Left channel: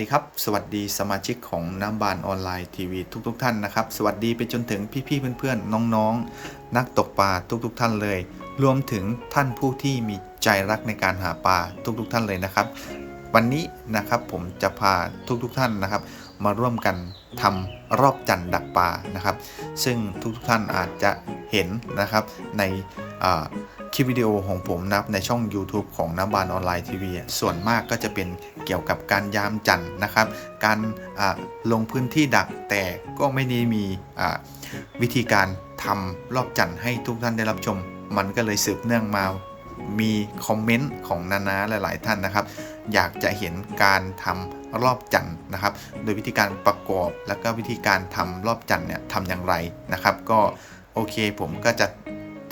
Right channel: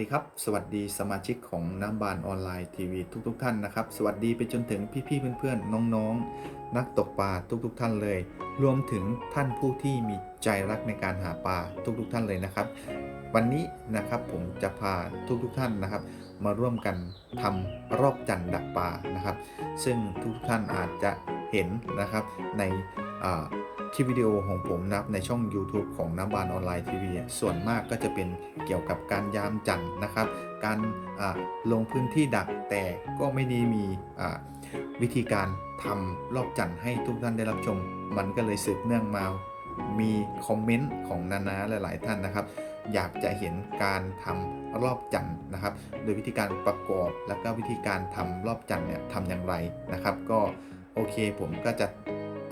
ดีครับ สวัสดีสมาชิกของน้ำบานออนไลน์ทีวีทุกๆทท่านนะครับ สวัสดีไปจนถึงพี่ๆเพื่อนๆ น้องๆ นักตกปลาทุกๆทท่านเลย รวมถึงท่านผู้ที่มีใจรักในการหาปลาทุกๆทท่านเลยนะครับ วันนี้นะครับผมจะพาทุกๆทท่านนะครับ มาร่วมกันทำรอบจันดักปลานะครับ ซึ่งทุกๆท่านอาจจะเห็นนะครับในอ่า คลิปวิดีโอของผมนะครับในช่อง YouTube ของน้ำบานออนไลน์ทีวีส่วนมากก็จะเป็นเกี่ยวกับการยามจันทร์นะครับ การลงพื้นที่ดักแต่ก็ไม่ได้มีวิธีการทำรอบจันทร์ให้ทุกท่านได้รับชม มันก็เลยสืบเนื่องมามีคอมเมนต์ของนานาหลาย ๆ ท่านนะครับ อยากจะเห็นการทำรอบจันทร์นะครับ โดยวิธีการประกอบแล้วก็วิธีการทำรอบจันทร์เนี่ยทำอย่างไรนะครับ ก็โอเคผมก็จะ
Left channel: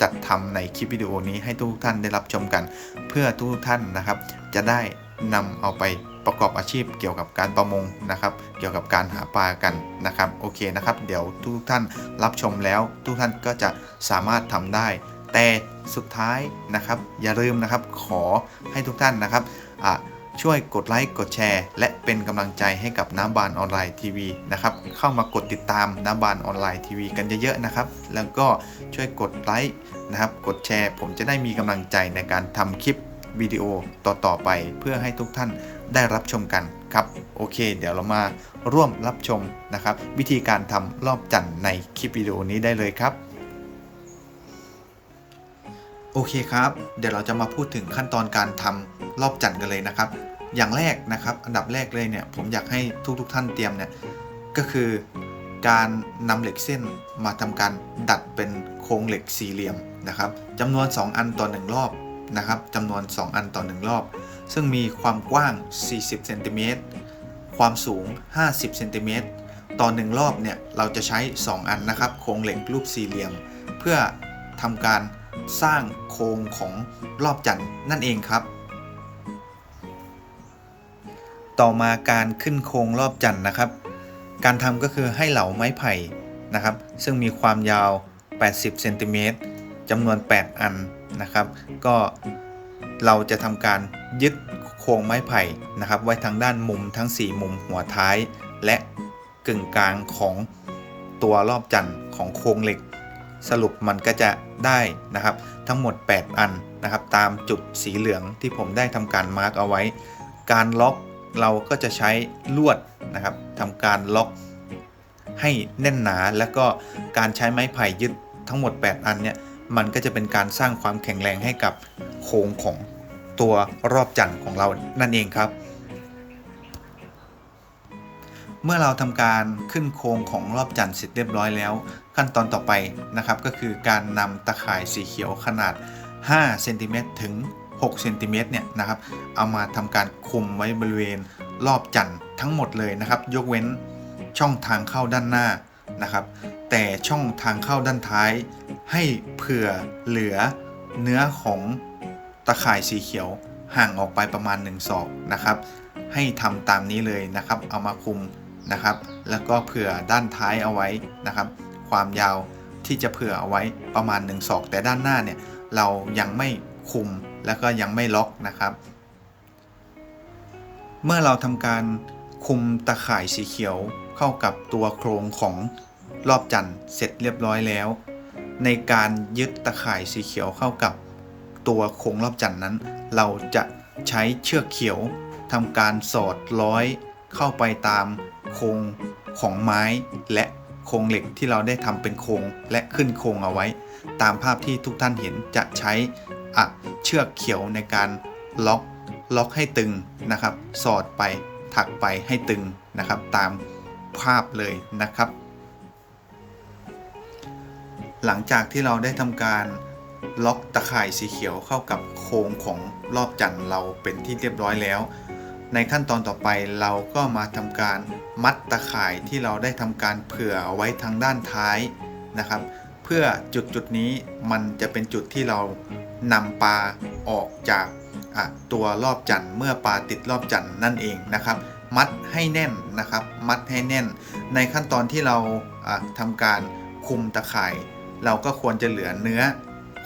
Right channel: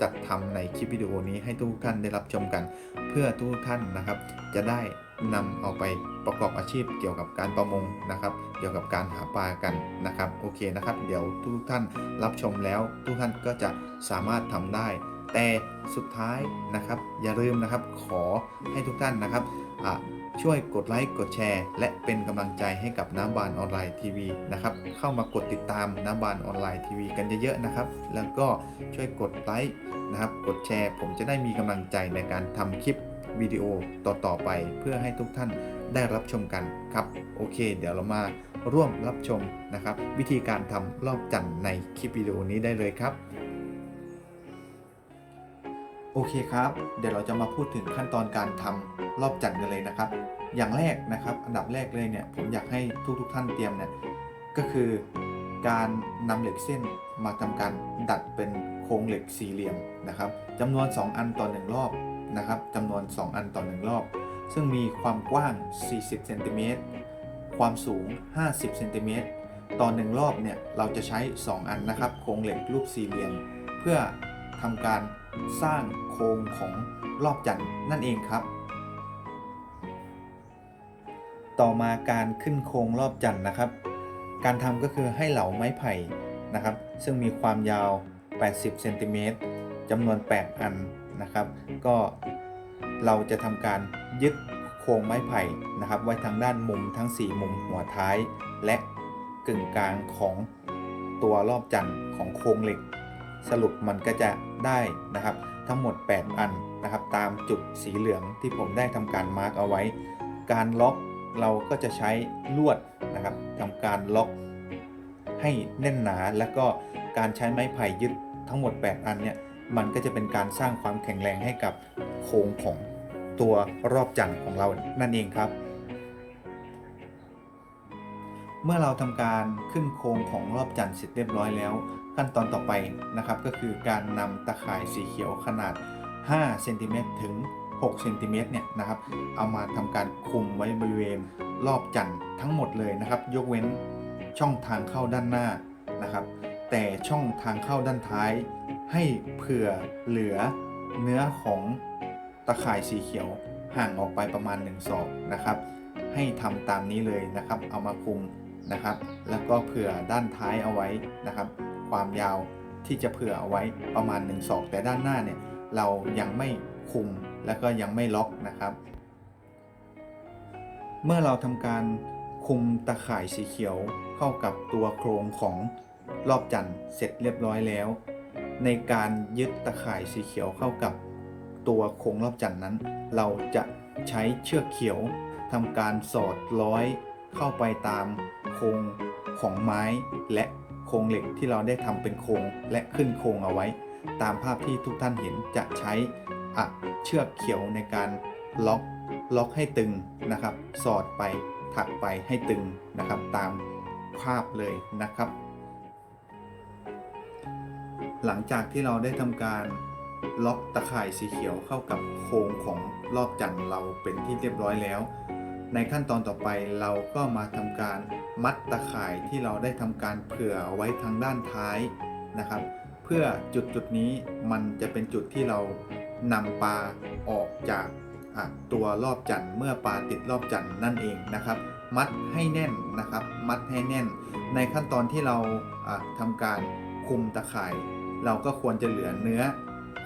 จัดทำในคลิปวิดีโอนี้ให้ทุกท่านได้รับชมกัน เพื่อทุกท่านนะครับ จะได้นำเอาไปประกอบอาชีพเกี่ยวกับการประมงนะครับ เกี่ยวกับการหาปลากันนะครับ โอเคนะครับ เดี๋ยวทุกท่านรับชมแล้ว ทุกท่านก็จะสามารถทำได้ แต่สุดท้ายนะครับ อย่าลืมนะครับ ขอให้ทุกท่านนะครับอะ ช่วยกดไลค์กดแชร์ และเป็นกำลังใจให้กับน้ำบานออนไลน์ทีวีนะครับเข้ามากดติดตามน้ำบานออนไลน์ทีวีกันเยอะๆนะครับ แล้วก็ช่วยกดไลค์นะครับกดแชร์ ผมจะได้มีกำลังใจในการทำคลิปวิดีโอต่อๆไป เพื่อให้ทุกท่านได้รับชมกันครับโอเค เดี๋ยวเรามาร่วมรับชมนะครับ วิธีการทำรอบจันทร์ในคลิปวิดีโอนี้ได้เลยครับ โอเคครับ เดี๋ยวเราจะมาพูดถึงขั้นตอนการทำรอบจันทร์กันเลยนะครับ อย่างแรกนะครับ อันดับแรกเลยเนี่ยผมอยากให้ทุกๆท่านเตรียมเนี่ยก็คือการนำเหล็กเส้นมาทำการดัดเป็นโครงเหล็กสี่เหลี่ยมนะครับจำนวน 2 อันต่อ 1 รอบนะครับจำนวน 2 อันต่อ 1 รอบ ซึ่งมีความกว้าง 40เซนติเมตรความสูง 50เซนติเมตรต่อ 1 รอบเนี่ยเราจะใช้ 2 อันนะครับโครงเหล็กรูปสี่เหลี่ยม เพื่อทำการ สร้างโครงของรอบจันทร์นั่นเองครับ ต่อมาการขึ้นโครงรอบจันทร์นะครับ การทำก็คือให้เหลาไม้ไผ่นะครับ ซึ่งมีความยาว 80เซนติเมตรจำนวน 8 อันนะครับ ก็เราจะทำการยึดโครงไม้ไผ่นะครับ ไว้ทางด้านมุมทั้ง 4 มุมหัวท้าย และกึ่งกลางของตัวรอบจันทร์ของโครงเหล็ก สรุปมันก็จะได้นะครับทั้งหมด 8 อันนะครับตามจุดสีเหลืองที่ผมได้ทำการมาร์กเอาไว้ การล็อกเราก็จะใช้ลวดนะครับทำการล็อกให้แน่นหนาแล้วก็การใช้ไม้ไผ่ยึดทั้งหมด 8 อันเนี่ยมันก็จะเป็นการสร้างความแข็งแรงให้กับโครงของตัวรอบจันทร์ของเรานั่นเองครับ เมื่อเราทำการขึ้นโครงของรอบจันทร์เสร็จเรียบร้อยแล้ว ขั้นตอนต่อไปนะครับก็คือการนำตะข่ายสีเขียวขนาด5เซนติเมตรถึง6เซนติเมตรเนี่ยนะครับเอามาทำการคุมไว้บริเวณรอบจันทร์ทั้งหมดเลยนะครับ ยกเว้นช่องทางเข้าด้านหน้านะครับ แต่ช่องทางเข้าด้านท้าย ให้เผื่อเหลือเนื้อของตะข่ายสีเขียวห่างออกไปประมาณ1ศอกนะครับ ให้ทำตามนี้เลยนะครับ เอามาคุมนะครับ แล้วก็เผื่อด้านท้ายเอาไว้นะครับ ความยาวที่จะเผื่อเอาไว้ประมาณ1ศอกแต่ด้านหน้าเนี่ยเรายังไม่คุมแล้วก็ยังไม่ล็อกนะครับ เมื่อเราทำการคุมตะข่ายสีเขียวเข้ากับตัวโครงของรอบจันทร์เสร็จเรียบร้อยแล้ว ในการยึดตะข่ายสีเขียวเข้ากับตัวโครงรอบจันทร์นั้น เราจะใช้เชือกเขียวทำการสอดร้อยเข้าไปตามโครงของไม้และ โครงเหล็กที่เราได้ทำเป็นโครงและขึ้นโครงเอาไว้ ตามภาพที่ทุกท่านเห็นจะใช้อะเชือกเขียวในการล็อกล็อกให้ตึงนะครับ สอดไปถักไปให้ตึงนะครับ ตามภาพเลยนะครับ หลังจากที่เราได้ทำการล็อกตะข่ายสีเขียวเข้ากับโครงของรอบจันทร์เราเป็นที่เรียบร้อยแล้ว ในขั้นตอนต่อไปเราก็มาทำการมัดตะข่ายที่เราได้ทำการเผื่อเอาไว้ทางด้านท้ายนะครับ เพื่อจุดจุดนี้มันจะเป็นจุดที่เรานำปลาออกจากตัวรอบจันทร์เมื่อปลาติดรอบจันทร์นั่นเองนะครับ มัดให้แน่นนะครับ มัดให้แน่น ในขั้นตอนที่เราทำการคุมตะข่าย เราก็ควรจะเหลือเนื้อ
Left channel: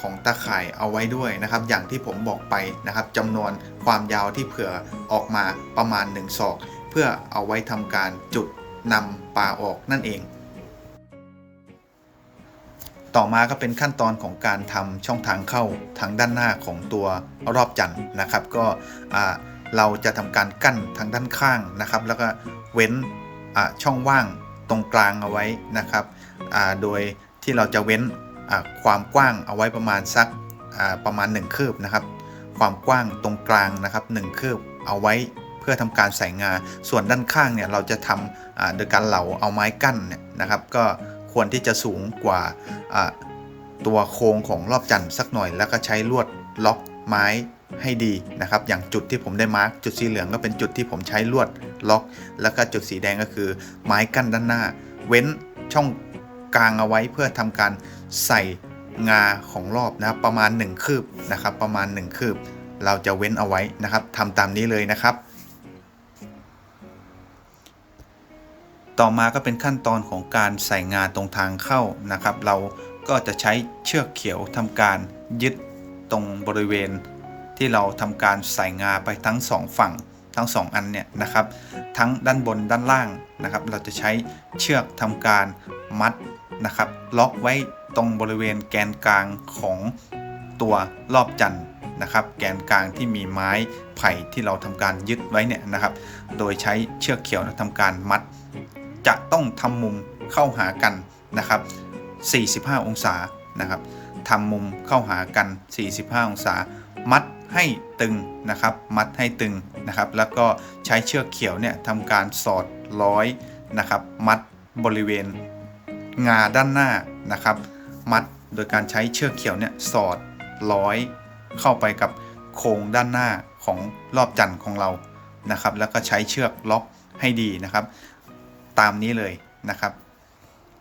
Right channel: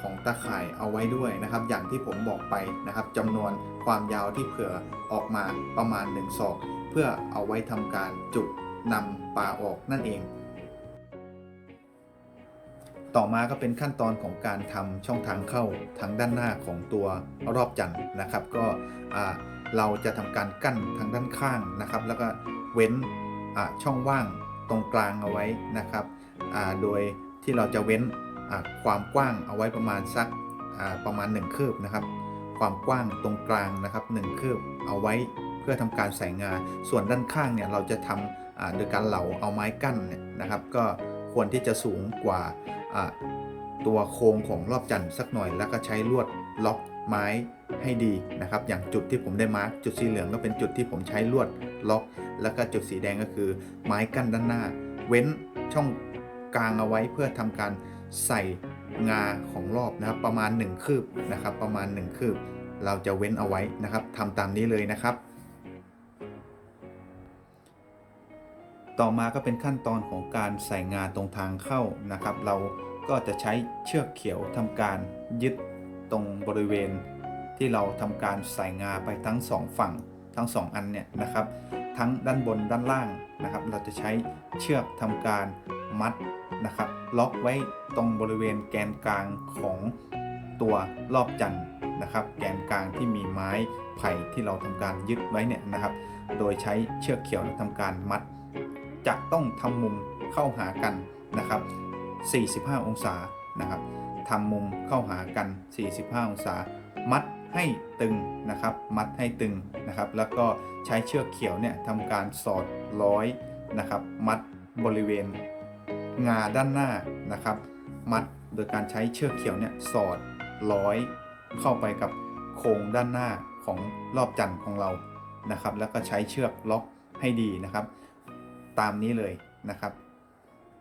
ของตะข่ายเอาไว้ด้วยนะครับ อย่างที่ผมบอกไปนะครับจำนวนความยาวที่เผื่อออกมาประมาณ1ศอก เพื่อเอาไว้ทำการจุดนำปลาออกนั่นเอง ต่อมาก็เป็นขั้นตอนของการทำช่องทางเข้าทางด้านหน้าของตัวรอบจันทร์นะครับ ก็เราจะทำการกั้นทางด้านข้างนะครับ แล้วก็เว้นช่องว่างตรงกลางเอาไว้นะครับโดยที่เราจะเว้น ความกว้างเอาไว้ประมาณสักประมาณ 1 คืบนะครับ ความกว้างตรงกลางนะครับ 1 คืบเอาไว้เพื่อทำการใส่งา ส่วนด้านข้างเนี่ยเราจะทำโดยการเหลาเอาไม้กั้นเนี่ยนะครับ ก็ควรที่จะสูงกว่าอ่าตัวโครงของรอบจันทร์สักหน่อย แล้วก็ใช้ลวดล็อกไม้ให้ดีนะครับ อย่างจุดที่ผมได้มาร์กจุดสีเหลืองก็เป็นจุดที่ผมใช้ลวดล็อก แล้วก็จุดสีแดงก็คือไม้กั้นด้านหน้า เว้นช่อง กลางเอาไว้เพื่อทำการใส่งาของรอบนะครับประมาณ 1 คืบนะครับ ประมาณ 1 คืบ เราจะเว้นเอาไว้นะครับทำตามนี้เลยนะครับ ต่อมาก็เป็นขั้นตอนของการใส่งาตรงทางเข้านะครับ เราก็จะใช้เชือกเขียวทำการยึดตรงบริเวณ ที่เราทำการใส่งาไปทั้งสองฝั่งทั้งสองอันเนี่ยนะครับ ทั้งด้านบนด้านล่างนะครับ เราจะใช้เชือกทำการมัด นะครับ ล็อกไว้ตรงบริเวณแกนกลางของตัวรอบจันทร์นะครับ แกนกลางที่มีไม้ไผ่ที่เราทำการยึดไว้เนี่ยนะครับ โดยใช้เชือกเขียวทำการมัด จะต้องทำมุมเข้าหากันนะครับ 45 องศานะครับทำมุมเข้าหากัน 45 องศา มัดให้ตึงนะครับ มัดให้ตึงนะครับ แล้วก็ใช้เชือกเขียวเนี่ยทำการสอดร้อยนะครับ มัดบริเวณ งาด้านหน้านะครับ มัดโดยการใช้เชือกเขียวเนี่ยสอดร้อยเข้าไปกับโครงด้านหน้าของรอบจันทร์ของเรานะครับ แล้วก็ใช้เชือกล็อกให้ดีนะครับ ตามนี้เลยนะครับ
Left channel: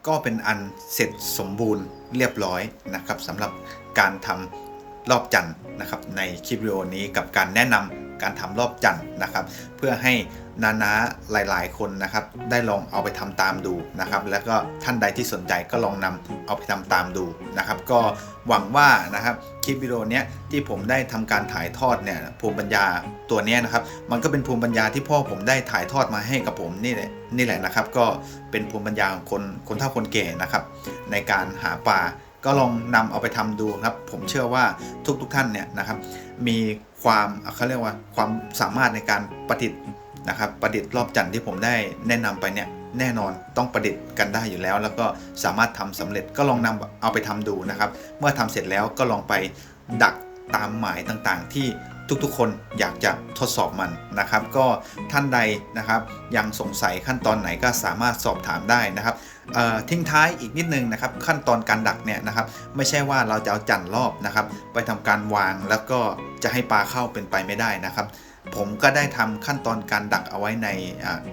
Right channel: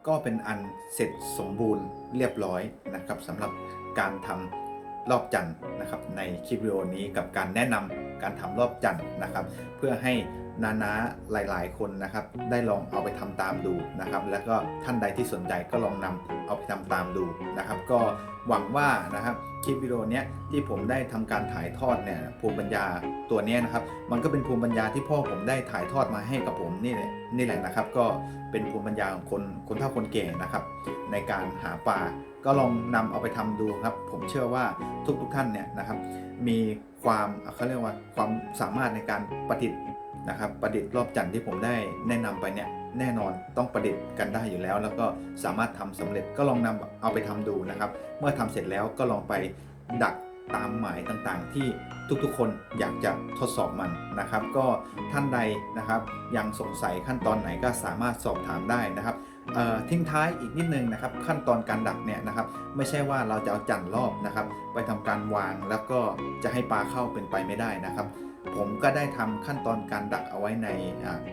ก็เป็นอันเสร็จสมบูรณ์เรียบร้อยนะครับสำหรับการทำรอบจันทร์นะครับในคลิปวิดีโอนี้กับการแนะนำ การทำรอบจันทร์นะครับ เพื่อให้นานาหลาย ๆ คนนะครับ ได้ลองเอาไปทำตามดูนะครับ แล้วก็ท่านใดที่สนใจก็ลองนำเอาไปทำตามดูนะครับ ก็หวังว่านะครับคลิปวิดีโอนี้ที่ผมได้ทำการถ่ายทอดเนี่ยภูมิปัญญาตัวนี้นะครับ มันก็เป็นภูมิปัญญาที่พ่อผมได้ถ่ายทอดมาให้กับผมนี่แหละนี่แหละนะครับ ก็เป็นภูมิปัญญาของคนคนเฒ่าคนแก่นะครับ ในการหาปลา ก็ลองนำเอาไปทำดูครับ ผมเชื่อว่าทุกๆทท่านเนี่ยนะครับ มีความเขาเรียกว่าความสามารถในการประดิษฐ์นะครับ ประดิษฐ์รอบจันทร์ที่ผมได้แนะนำไปเนี่ยแน่นอนต้องประดิษฐ์กันได้อยู่แล้ว แล้วก็สามารถทำสำเร็จก็ลองนำเอาไปทำดูนะครับ เมื่อทำเสร็จแล้วก็ลองไปดักตามหมายต่างๆ ที่ทุกๆ คนอยากจะทดสอบมันนะครับ ก็ท่านใดนะครับยังสงสัยขั้นตอนไหนก็สามารถสอบถามได้นะครับ ทิ้งท้ายอีกนิดนึงนะครับขั้นตอนการดักเนี่ยนะครับไม่ใช่ว่าเราจะเอาจันรอบนะครับไปทำการวางแล้วก็จะให้ปลาเข้าเป็นไปไม่ได้นะครับ ผมก็ได้ทำขั้นตอนการดักเอาไว้ใน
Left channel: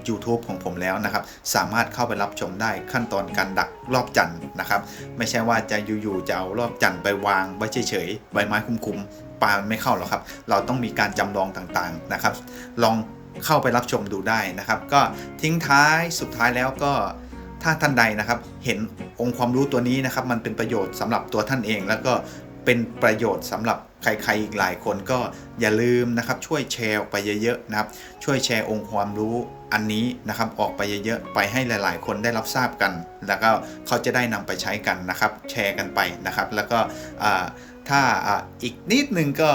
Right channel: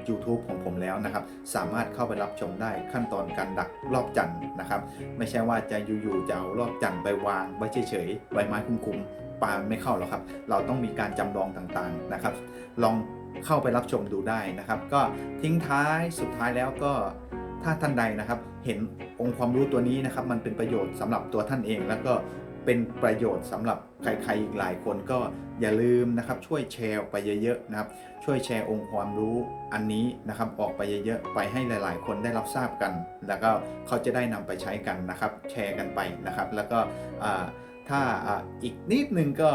YouTube ของผมแล้วนะครับ สามารถเข้าไปรับชมได้ขั้นตอนการดักรอบจันทร์นะครับ ไม่ใช่ว่าจะอยู่ๆจะเอารอบจันทร์ไปวางไว้เฉยๆใบไม้คุมๆปลาไม่เข้าหรอกครับ เราต้องมีการจำลองต่างๆนะครับ ลองเข้าไปรับชมดูได้นะครับ ก็ทิ้งท้ายสุดท้ายแล้วก็ ถ้าท่านใดนะครับ เห็นองค์ความรู้ตัวนี้นะครับ มันเป็นประโยชน์สำหรับตัวท่านเอง แล้วก็เป็นประโยชน์สำหรับใครๆอีกหลายคนก็อย่าลืมนะครับ ช่วยแชร์ออกไปเยอะๆนะครับ ช่วยแชร์องค์ความรู้อันนี้นะครับ ออกไปเยอะๆไปให้หลายๆ คนได้รับทราบกัน แล้วก็เขาจะได้นำไปใช้กันนะครับ แชร์กันไปนะครับ แล้วก็ถ้าอีกนิดนึงก็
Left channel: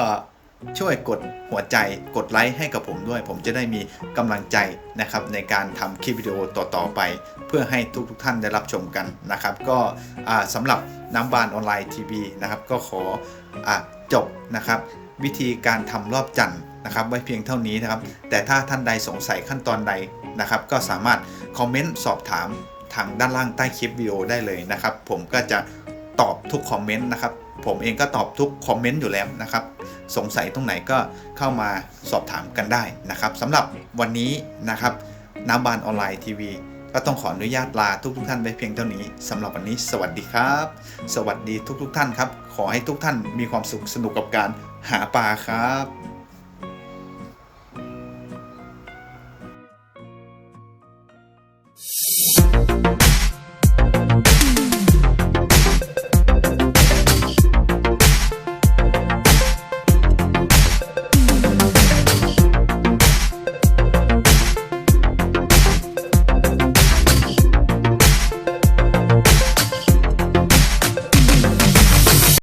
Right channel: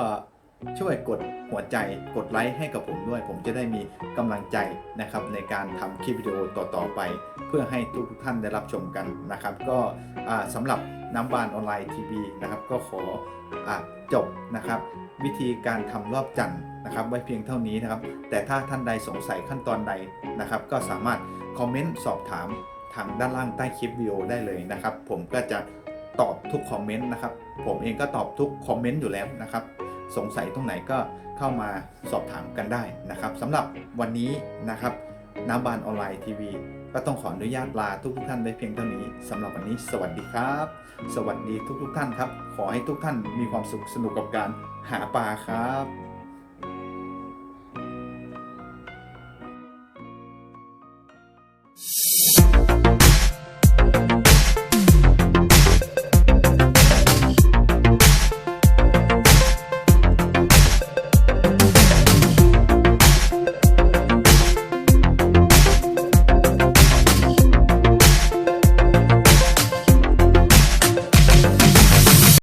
ช่วยกดหัวใจกดไลค์ให้กับผมด้วย ผมจะได้มีกำลังใจนะครับในการทำคลิปวิดีโอต่อๆไป เพื่อให้ทุกๆท่านได้รับชมกันนะครับ ก็สำหรับน้ำบานออนไลน์ทีวีนะครับก็ขออจบนะครับ วิธีการทำรอบจันทร์นะครับ ไว้เพียงเท่านี้นะครับ แต่ถ้าท่านใดสงสัยขั้นตอนใดนะครับ ก็สามารถคอมเมนต์สอบถามทางด้านล่างใต้คลิปวิดีโอได้เลยนะครับ ผมก็จะตอบทุกคอมเมนต์นะครับ ผมเองก็ตอบทุกคอมเมนต์อยู่แล้วนะครับ สงสัยตรงไหนก็เข้ามาสอบถามกันได้นะครับสำหรับวันนี้นะครับน้ำบานออนไลน์ทีวีก็ต้องขออนุญาตลาทุกทุกท่านไปเพียงเท่านี้สำหรับวันนี้ สวัสดีครับ สวัสดีทุกทุกท่านครับ ขอให้ทุกท่านมีความสุขสนุกกับการหาปลาครับ